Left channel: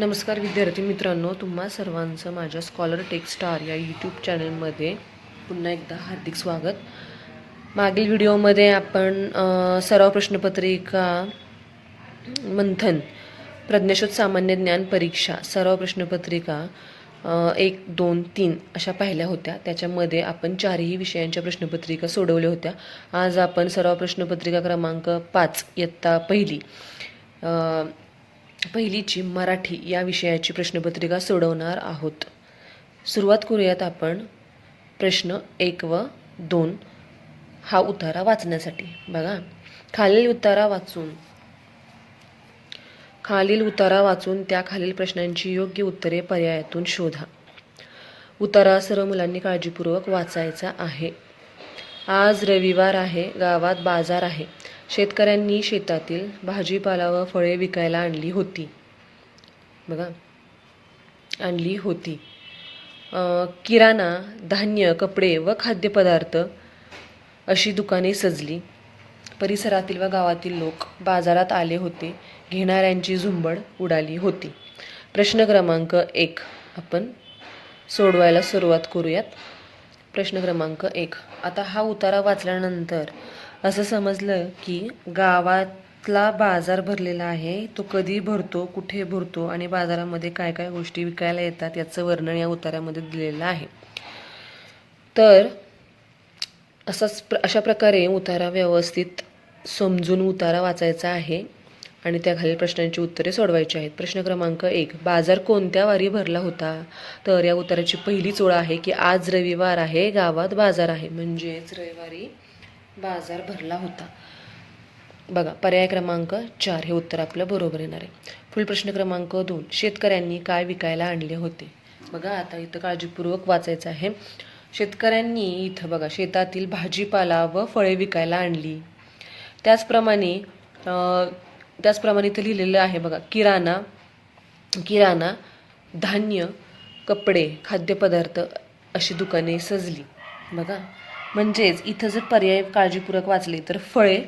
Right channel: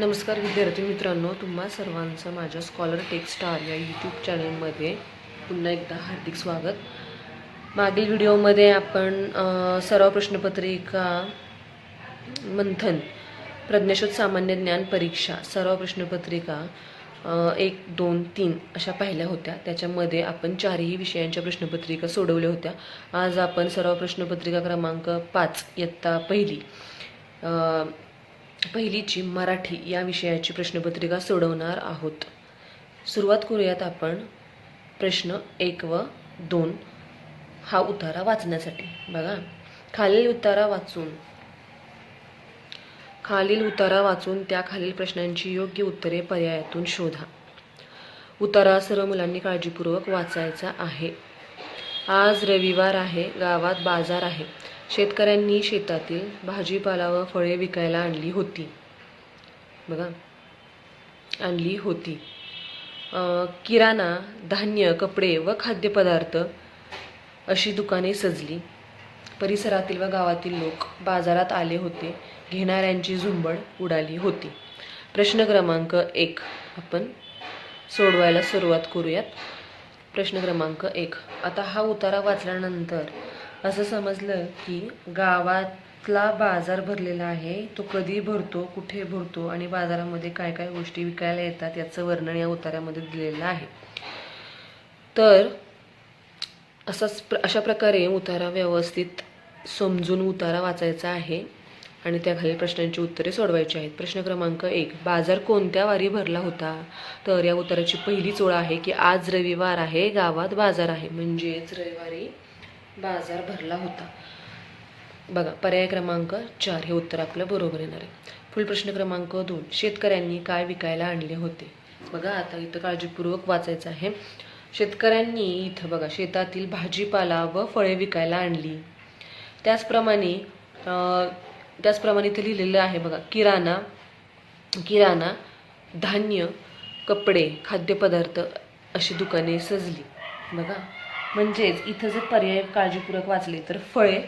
नमस्कार विद्यार्थी मित्रांनो, तुम्हा सर्वांचं माझ्या स्कॉलर टेक स्टार या यूट्यूब चॅनलमध्ये पुन्हा एकदा हार्दिक स्वागत. मागील व्हिडिओमध्ये आपण सराव प्रश्नपत्रिका मंथन प्रज्ञाशोध सामान्य ज्ञान परीक्षा सराव प्रश्नपत्रिका 1, 2, 3 अशा पाहिल्या होत्या. त्याच्यामध्ये आपण 4ही विषयांच्या प्रश्नपत्रिका सोडवल्या होत्या. आज आपण सराव प्रश्नपत्रिका क्रमांक 5 इयत्ता पहिलीची मराठी या विषयाची प्रश्नपत्रिका सोडवणार आहोत. सुरुवात करूयात आपण प्रश्न 1 व 2 हा उतारा वाचण्यासाठी. बघा, खालील उतारा वाचून त्याखालील प्रश्नांची योग्य उत्तरे पर्यायातून शोधा. उतारा सर्व मुलांनी काळजीपूर्वक वाचायचा आहे. आज रविवार आहे, गावात बाजार आहे. शेतकऱ्यांनी शेतातील भाजीपाला व फळे विकायला आणली होती. बघा, आणली होती. किराणा, धान्य, कपडे व खाद्यपदार्थ अशी दुकाने सजली. परिसरातील व गावातील लोक बाजारात आले होते. घेणाऱ्यांची झुंबड उडाली होती. प्रश्न क्रमांक 1 आपण सोडवायला सुरुवात करूयात. प्रश्न क्रमांक 1. आता हा उतारा वाचल्यानंतर असं समजलं की गावातला बाजार भरलेला आहे. तो कधी भरतो, कुठे भरतो आणि बाजारामध्ये काय काय गोष्टी विकायला येतात याचं वर्णन या उतार्यामध्ये दिलेलं आहे. तर अशा प्रकारे उतारा व्यवस्थित समजून उतारा वाचायचा आहे आणि त्याखालील प्रश्नांची उत्तरे सोडवायची आहेत. प्रश्न क्रमांक 1. बाजार कोणत्या वारी भरला होता? तर या उताराची पहिलीच ओळ आहे की आज रविवार आहे, गावात बाजार आहे. म्हणजेच रविवारी बाजार भरला होता. बघा, पर्याय क्रमांक 4 हे उत्तर आपलं बरोबर येणार आहे. पुढील प्रश्न क्रमांक 2. शेतकऱ्यांनी काय विकायला आणले होते? बघा, आता इथं काळजीपूर्वक वाचायचं आहे. शेतकऱ्यांनी इथं बघा शेतातील भाजीपाला व फळे विकायला आणली. त्याचप्रमाणे इथं लिहिलेलं आहे बघा, किराणा, धान्य, कपडे, खाद्यपदार्थ अशी दुकाने सजली. बघा, म्हणजेच इथं जर पर्याय काळजीपूर्वक वाचले तर फळे,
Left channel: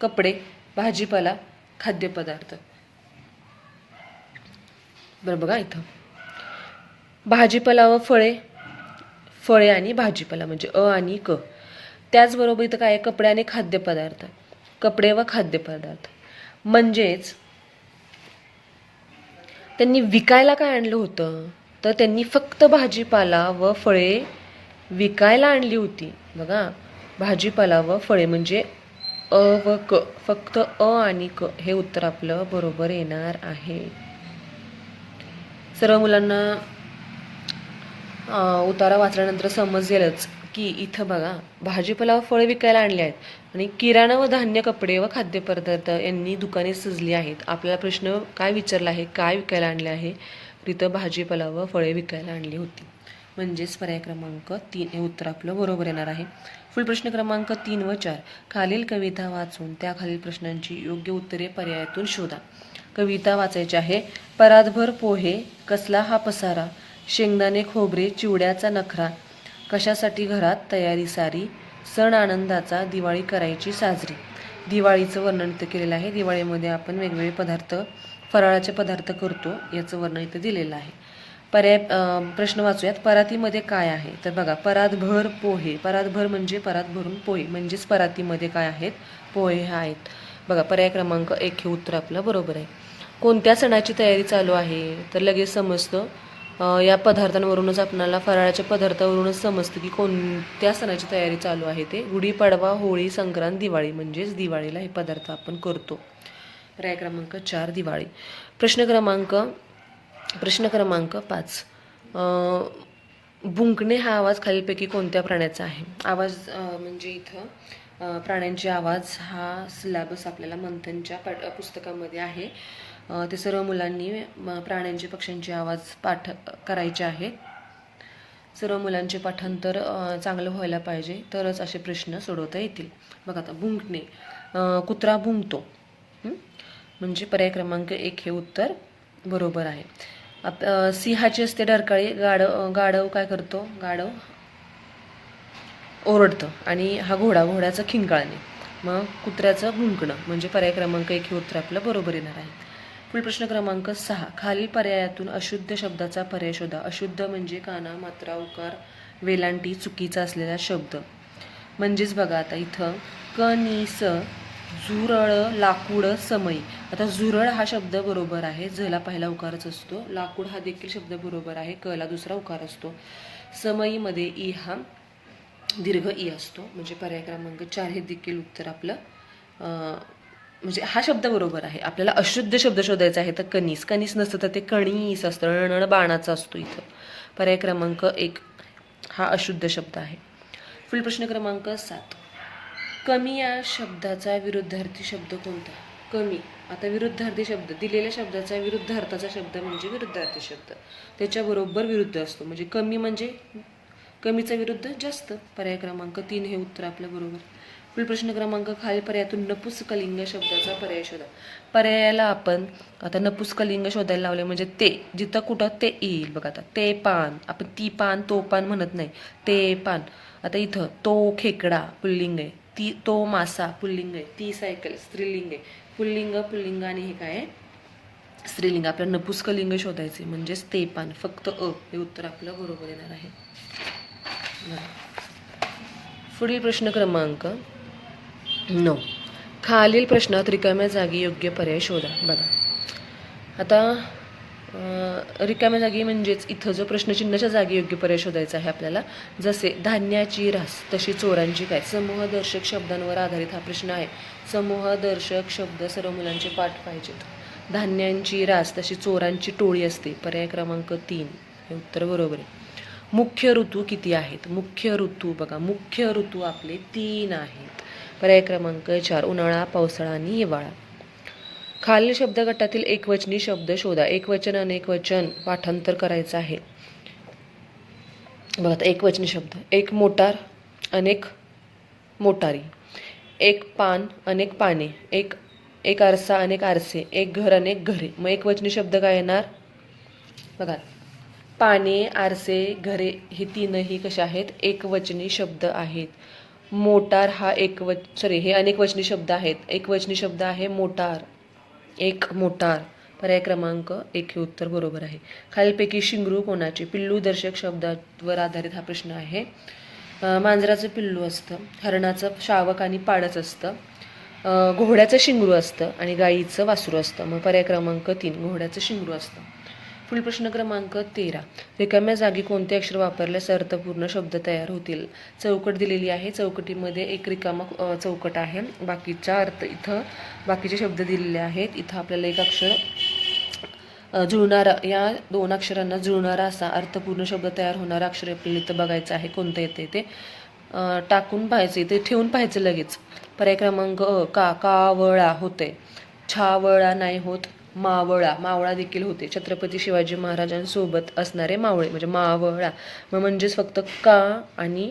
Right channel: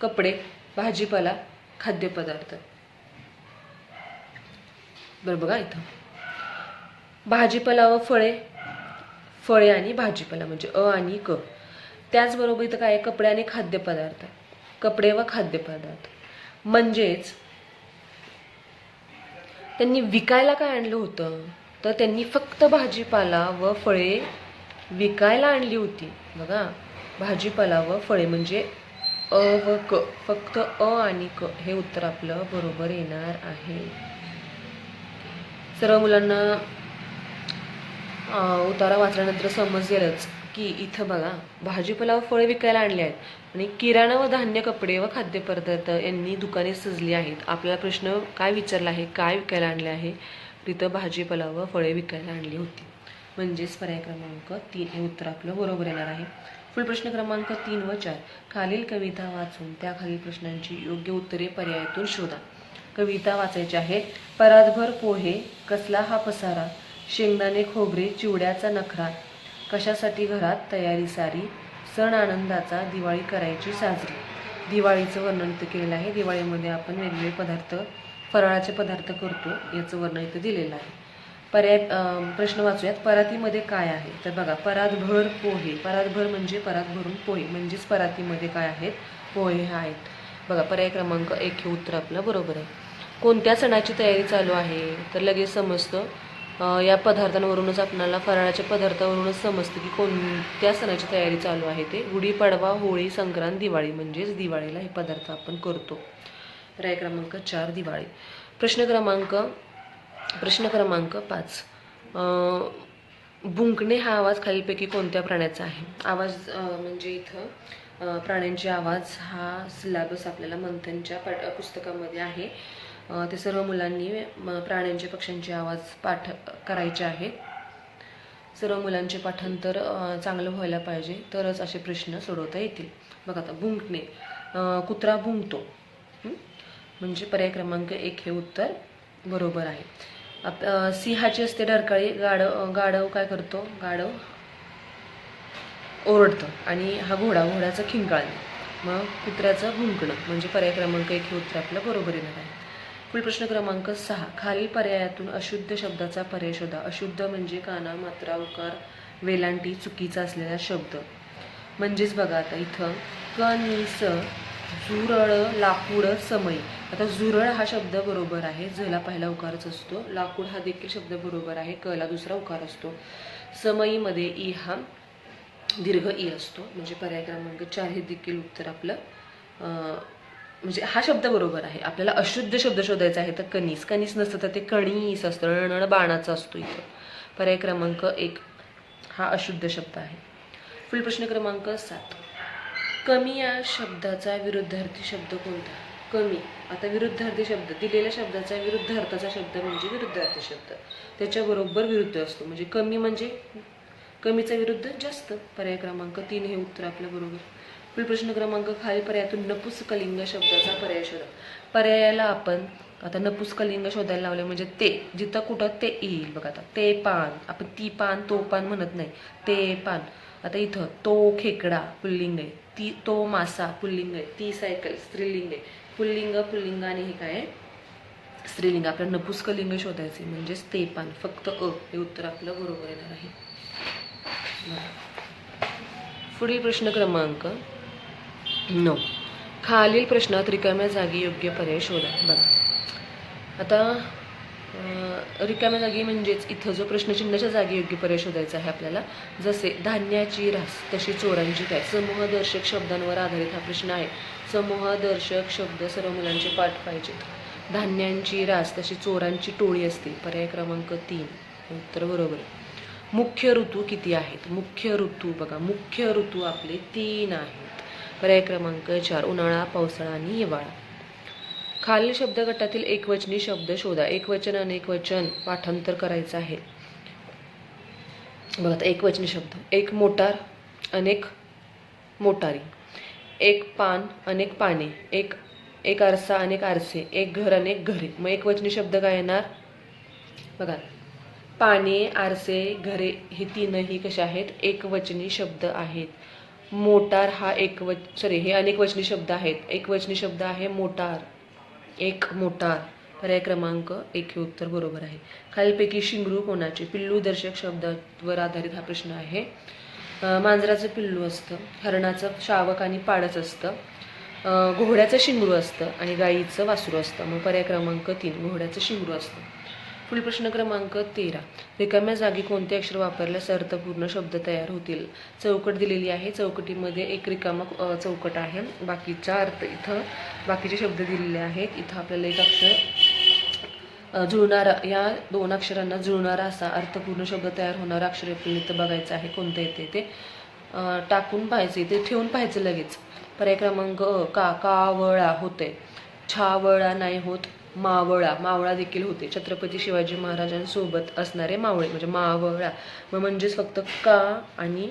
कपडे, भाजीपाला, खाद्यपदार्थ. बरं, बघा इथं भाजीपाला व फळे आणि भाजीपाला म्हणजे अ आणि क. त्याचबरोबर इथं काय आहे, कपडे आणि खाद्यपदार्थ, कपडे व खाद्यपदार्थ. म्हणजेच त्यांनी विकायला काय आणलं होतं? तर त्यांनी फक्त भाजीपाला व फळे विकायला आणली होती. बघा, भाजीपाला व फळे म्हणजे अ व क, फक्त अ आणि क हे उत्तर आपलं बरोबर येणार आहे. सर्व मुलांना उतारा वाचल्यानंतर समजेलच की इथं बघा भाजीपाला व फळे विकायला आणले आहेत आणि किराणा व धान्य, कपडे व खाद्यपदार्थ यांनी दुकाने सजली आहेत. आपल्याला प्रश्न काय विचारला आहे, काय विकायला आणले आहे? तिथं भाजीपाला व फळे विकायला आणली होती. म्हणजेच पर्याय क्रमांक 3 हे उत्तर आपलं बरोबर येणार आहे. पुढील प्रश्न क्रमांक 3 व 4. खालील कविता वाचून त्याखालील प्रश्नांची योग्य उत्तरे पर्यायातून शोधा. कविता वाचायची आहे. परातभर पोहे, कसला हा पसारा, शेंगदाणे खोबरे, चिवड्याचा नखरा, कशासाठी घरात तयारी सारी, सण आनंदाचा दिवाळी करायची साजरी. दिवाळीचं वर्णन इथं केलेलं आहे. दिवाळीमध्ये आपण वेगवेगळे पदार्थ, फराळाचे पदार्थ करतो याचं वर्णन इथं दिलेलं आहे. प्रश्न वाचूयात. परातीमध्ये काय आहे? तर बघा, परातभर पोहे, परातभर म्हणजे परात भरून पोहे, म्हणजेच परातीमध्ये काय आहेत? पोहे आहेत. बघा, पर्याय क्रमांक 1 हे उत्तर आपलं बरोबर आहे. कोणत्या सणाची तयारी चालू आहे? तर लगेच समजतं, या पदार्थांवरूनच आपल्याला फराळाच्या पदार्थावरूनच समजतं की कोणत्या सणाची तयारी चालू आहे. ते गुढीपाडवा, होळी, संक्रांत, दिवाळी, म्हणजेच दिवाळीला हे पदार्थ आपण करतो. पर्याय क्रमांक 4 दिवाळी. प्रश्न क्रमांक 5. भुंकणे हा आवाज खालीलपैकी कोणत्या प्राण्याचा आहे? आवाज म्हणजे इथं प्राण्यांचे आवाज हा सिलॅबस आपल्याला मंथनच्या पुस्तकामध्ये आहे. ते सर्व मुलांनी प्राण्यांचे, पक्ष्यांचे आवाज पाठ करायचे आहेत. सर्व मुलांचे पाठांतर चांगलं व्हायला पाहिजे, तरच असे प्रश्न सोडवता येतील. बघा, आता भुंकणे, कुत्रा भुंकतो, म्हणजे पर्याय क्रमांक 1 हे उत्तर बरोबर आहे. सिंहाची असते डरकाळी, गाढव काय करतो? गाढव ओरडतं. आणि हा घोड्याचं खिंकाळणे. मग कुत्र्याचं भुंकणं म्हणजे पर्याय क्रमांक 1 हे उत्तर आपलं बरोबर येणार आहे. प्रश्न क्रमांक 6. खालील पर्यायातून अशुद्ध शब्दाचा पर्याय शोधा. अशुद्ध म्हणजे काना, मात्रा, उकार, वेलांटी चुकीचा असलेला शब्द. म्हणजेच बघा आता इथं कणीस, झुरळ, लाकूड, समई. आता झुरळ हा शब्द बरोबर आहे, झला पहिला उकारच असतो. लाकूड हा देखील शब्द बरोबर आहे, कला दुसरा उकार असतो. समईमध्ये ई हा दीर्घ ई असतो. म्हणजे पर्याय क्रमांक 4 हे देखील उत्तर आपलं म्हणजे हा शब्द बरोबर आहे. आपल्याला अशुद्ध शब्द शोधायचा आहे तर कणीस. कणीस नसतं तर ते कणीस असतं, णण बाणाचा असतो इथं. पर्याय क्रमांक 1 हा अशुद्ध शब्द आहे. पुढील प्रश्न क्रमांक 7. कमी या शब्दाचा विरुद्धार्थी शब्द कोणता? कमी. आता विरुद्धार्थी शब्द, दिलेल्या शब्दाचा विरुद्धार्थाचा शब्द म्हणजे विरुद्धार्थी शब्द. त्याच्याबरोबर विरुद्ध असतो. म्हणजे कमी म्हणजे कमीचा विरुद्ध जास्त. पर्याय क्रमांक 3 हे उत्तर आपलं बरोबर. पुढील प्रश्न क्रमांक खालील पर्यायातून नपुसकलिंग शब्दाचा पर्याय शोधा. पर्यायाला आपण आता नपुसकलिंग शोधायला लावले म्हणजे ते, जिथं कुठं ते येईल बघा. आता ते पान, आपण ती पान तो पान म्हणत नाही, ते पान. आता इथं तो खेकडा पुल्लिंग आहे, ती तो मासा पुल्लिंग आहे, ती सायकल स्त्रीलिंग आहे. पुल्लिंग पुल्लिंग आणि हे काय आहे स्त्रीलिंग. आपल्याला नपुसकलिंग शोधायचे म्हणजेच ते पान, फक्त हे उत्तर आपलं बरोबर येणार आहे. पुढील प्रश्न क्रमांक 9. खालील प्रश्नात रिकाम्या जागी योग्य पर्याय शोधा. बघा आता रिकाम्या जागी म्हणजेच इथं जो प्रश्नचिन्हाच्या जागी योग्य पर्याय शोधायचा आहे आपल्याला. जसे धान्याची रास तशी चोरांची काय. समूहदर्शक शब्दांवर आधारित हा प्रश्न आहे. समूहदर्शक शब्द सर्व मुलांचे पाठ पाहिजेत. धान्यांची रास तशी चोरांची टोळी असते. पर्याय क्रमांक 3 हे उत्तर बरोबर आहे. मुख्य ऋतू किती आहेत? मुख्य ऋतू बघा, मुख्य ऋतू आपले 3 आहेत. पर्याय क्रमांक 4 उन्हाळा, पावसाळा आणि हिवाळा. खालील शब्दगटातील एकवचनी शब्द शोधा. एकवचन अनेकवचन पाठांतर करायचं आहे. बघा आता एकवचनी शब्द. एक मोटार, अनेक मोटारी. एक पान, अनेक पाने. एक आरसा, अनेक आरसे. एक घर, अनेक घरे. मग एकवचनी शब्द काय येणार बघा. पाने, आरसे, घरे हे तीनही कशा आहेत? एकवचनी शब्द आहेत. मोटार हा हे अनेकवचनी शब्द आहेत. एकवचनी शब्द आहे मोटार, एक मोटार. पर्याय क्रमांक 1 हे उत्तर बरोबर आहे. खालीलपैकी शिंगरू कोणाचे? पिल्लू दर्शक शब्दावर आधारित हा प्रश्न आहे. मांजराचं पिल्लू असतं, हरणाचं शावक आणि पाडच असतं, घोड्याचं शिंगरू असतं आणि गाईचं वासरू असतं. मग पर्याय क्रमांक 3 घोड्याचं शिंगरू असतं. पुढील प्रश्न क्रमांक 13. रिकाम्या जागी कोणते अक्षर वापरल्यास अर्थपूर्ण शब्द तयार होतील? चौकट दिलेली आहे. चौकटीमध्ये एक रिकामा चौकट आहे. बाकीचा अर्थ इथं बाकीचे शब्द दिलेले आहेत. इथं आपल्याला एक अक्षर जुळणारा, या 2 अक्षरांना जुळणारा असा अर्थपूर्ण शब्द तयार होणारा अक्षर आपल्याला इथं बघायचं आहे. कोणतं येते ते टाकून पाहायचे, ते ठेवून पाहायचं लगेच. पर्याय क्रमांक कावळा होते. छावळा नाही होत. मावळा, मावळा देखील होते. छत्रपती शिवाजी महाराजांसोबत असणारे मावळे म्हणजे मावळा. म्हणजेच फक्त का आणि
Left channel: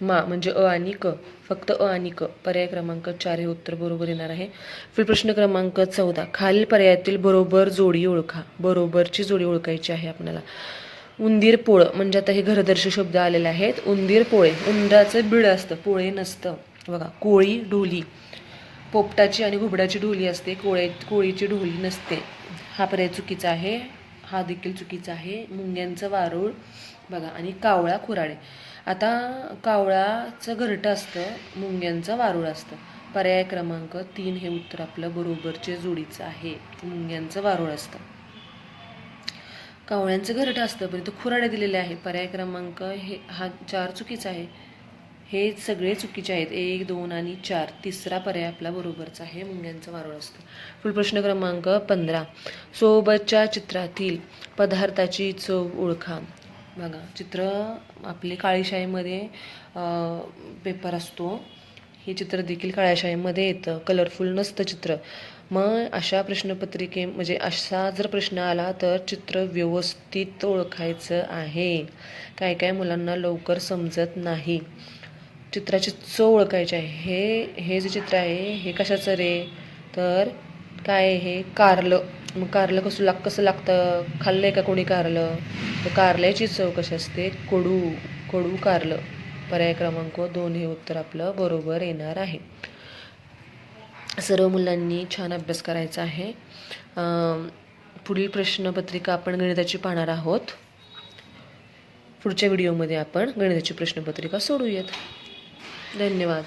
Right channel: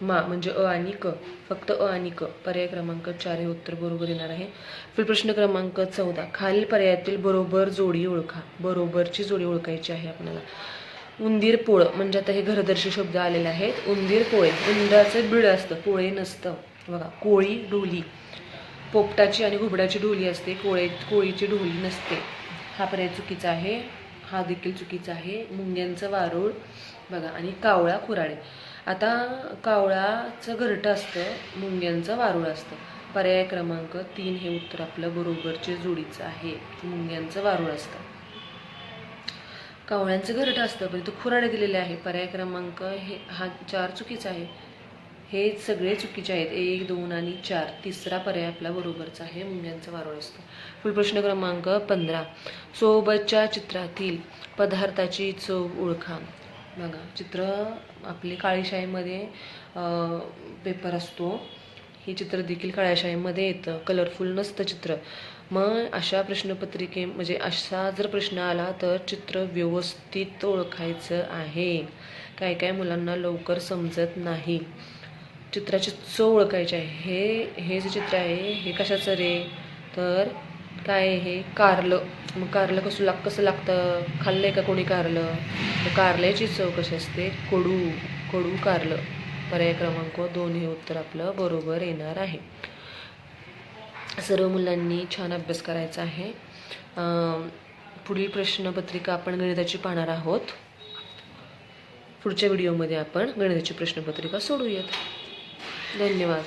मा म्हणजे अ आणि क, फक्त अ आणि क. पर्याय क्रमांक 4 हे उत्तर बरोबर येणार आहे. पुढील प्रश्न क्रमांक 14. खालील पर्यायातील बरोबर जोडी ओळखा. बरोबरची जोडी ओळखायची आहे आपल्याला. उंदीर पोळ म्हणजे आता हे घरदर्शी शब्द आलेले आहेत. उंदीर पोळे, उंदराचं बिळ असतं, पोळे नसतं बघा. कोळी ढोली, पोपटाची आणि घुबडाची ढोली असते, कोळीची ढोली नसते. हा पर्याय चुकीचा आहे. हा देखील चुकीचा आहे. मुंग्यांचं वारूळ बघा आणि कावळा कुऱ्हाडे. आता कावळाचं घरटं असतं, मुंग्यांचं वारूळ असतं. पर्याय क्रमांक 3 हे उत्तर आपलं बरोबरचे जोडीचं आहे. मुंग्यांचं वारूळ असतं, कावळ्यांचं घरटं असतं, पण इथं खुराडे दिलेले आहे. पर्याय क्रमांक हा 4 चुकीचा आहे. हे सगळे चुकीचे आहेत. 1, 2 आणि 4. तिसरा पर्याय आपला बरोबरचा आहे. मुंग्यांचं वारूळ असतं. पुढील प्रश्न क्रमांक 15. सोबतच्या चित्रातील पदार्थाची चव ओळखा. बघा चित्र आपले काळीशाईमध्ये पेपर असतो. हे चित्र देखील काळ्याशाईमध्ये येतं, कलरफुल नसतं चित्र. मग अशा प्रश्नपत्रिके म्हणजे असा जर प्रश्न आला तर चित्र व्यवस्थित ओळखायचं आहे. काय काय मुलांना लवकर समजत नाही. चित्राची चव ओळखायची आहे. हे जे चित्र आहे हे कशाचं रे तर काय हे कारलं. मग कारलं कसं लागतं? खाल्लंय का कोणी कारलं? तर कारल्याची चव कशी असते? कडू कारलं. पर्याय क्रमांक 2 हे उत्तर आपलं बरोबर येणार आहे. सर्व मुलांनी छान अभ्यास करायचा आहे. पुढील प्रश्नपत्रिका आपण गणिताची पाहणार आहोत. पुढच्या व्हिडिओमध्ये आपण गणिताची प्रश्नपत्रिका सोडूयात. धन्यवाद.